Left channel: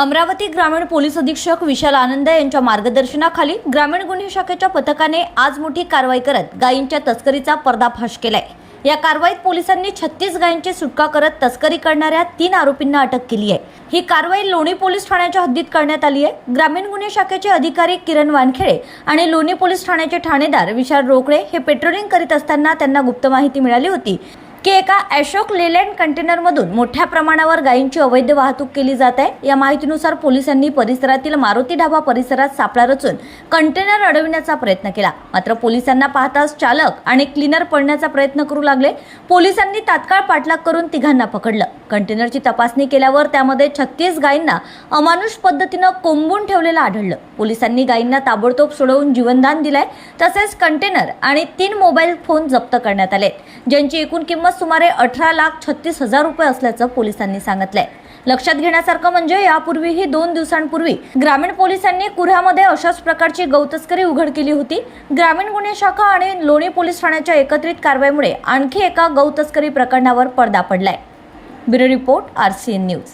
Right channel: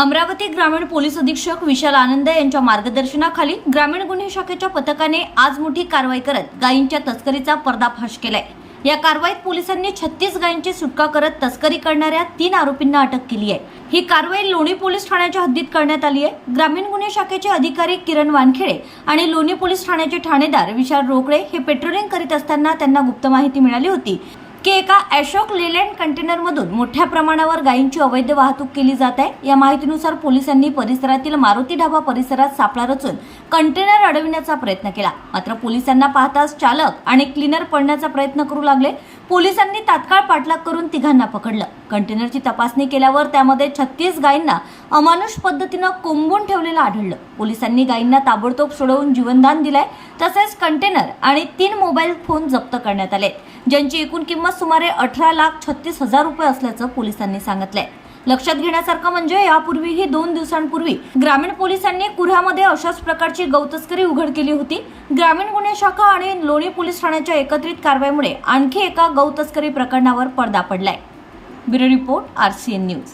अमरावती ग्रामीण पोलीस अधीक्षक विशाल आनंद यांच्या मार्गदर्शनाखाली ग्रामीण गुन्हे शाखेच्या पथकाने आज मोठी कारवाई करत गायींच्या तस्करीचा पर्दाफाश केलाय. या कारवाईत पोलिसांनी छत्तीस गायींची सुटका करत तस्करी करणाऱ्या तीन आरोपींना अटक केली आहे. ही कारवाई लोणी पोलीस ठाण्याच्या हद्दीत करण्यात आली आहे. ग्रामीण गुन्हे शाखेचे अधिकारी किरण वानखेडे आणि लोणी पोलीस ठाण्याचे ठाणेदार विशाल रोकडे हे पेट्रोलिंग करीत असताना त्यांना गुप्त माहिती मिळाली होती. की एका अशोक लेलँड कंटेनरमधून मोठ्या प्रमाणावर गायींची अवैध वाहतूक केली जात आहे. या माहितीनुसार पोलिसांनी परिसरातील मारुती ढाबा परिसरात सापळा रचून कंटेनर अडविण्याचा प्रयत्न केला. मात्र पोलिसांना पाहताच चालक आणि क्लीनर पडण्याचा प्रयत्न करू लागले. पोलिसांनी तात्काळ पाठलाग करून तिघांना पकडलं. कंटेनरची तपासणी केल्यावर त्यामध्ये छत्तीस गायींना अमानुष पद्धतीनं कोंबून ठेवलेलं आढळलं. पोलिसांनी गायींना ताबडतोब सोडवून जीवनदान दिलंय. तसेच कंटेनर आणि तीन मोबाईल फोन जप्त करण्यात आले ज्यांची एकूण किंमत सुमारे अठरा लाख छत्तीस हजार रुपये असल्याचं पोलिसांनी सांगितलंय. लक्षात घेण्यासारखं म्हणजे यापूर्वीही दोन दिवसांपूर्वी ग्रामीण पोलिसांनी कुऱ्हामध्ये अशाच प्रकारची गौतस्करी उघड केली होती. ग्रामीण गुन्हे शाखा आणि लोणी पोलीस ठाण्याच्या एकत्रित कारवाईमुळे आणखी एका गौतस्करी प्रकरणावर पडदा पडलाय. Bureau report R C N news.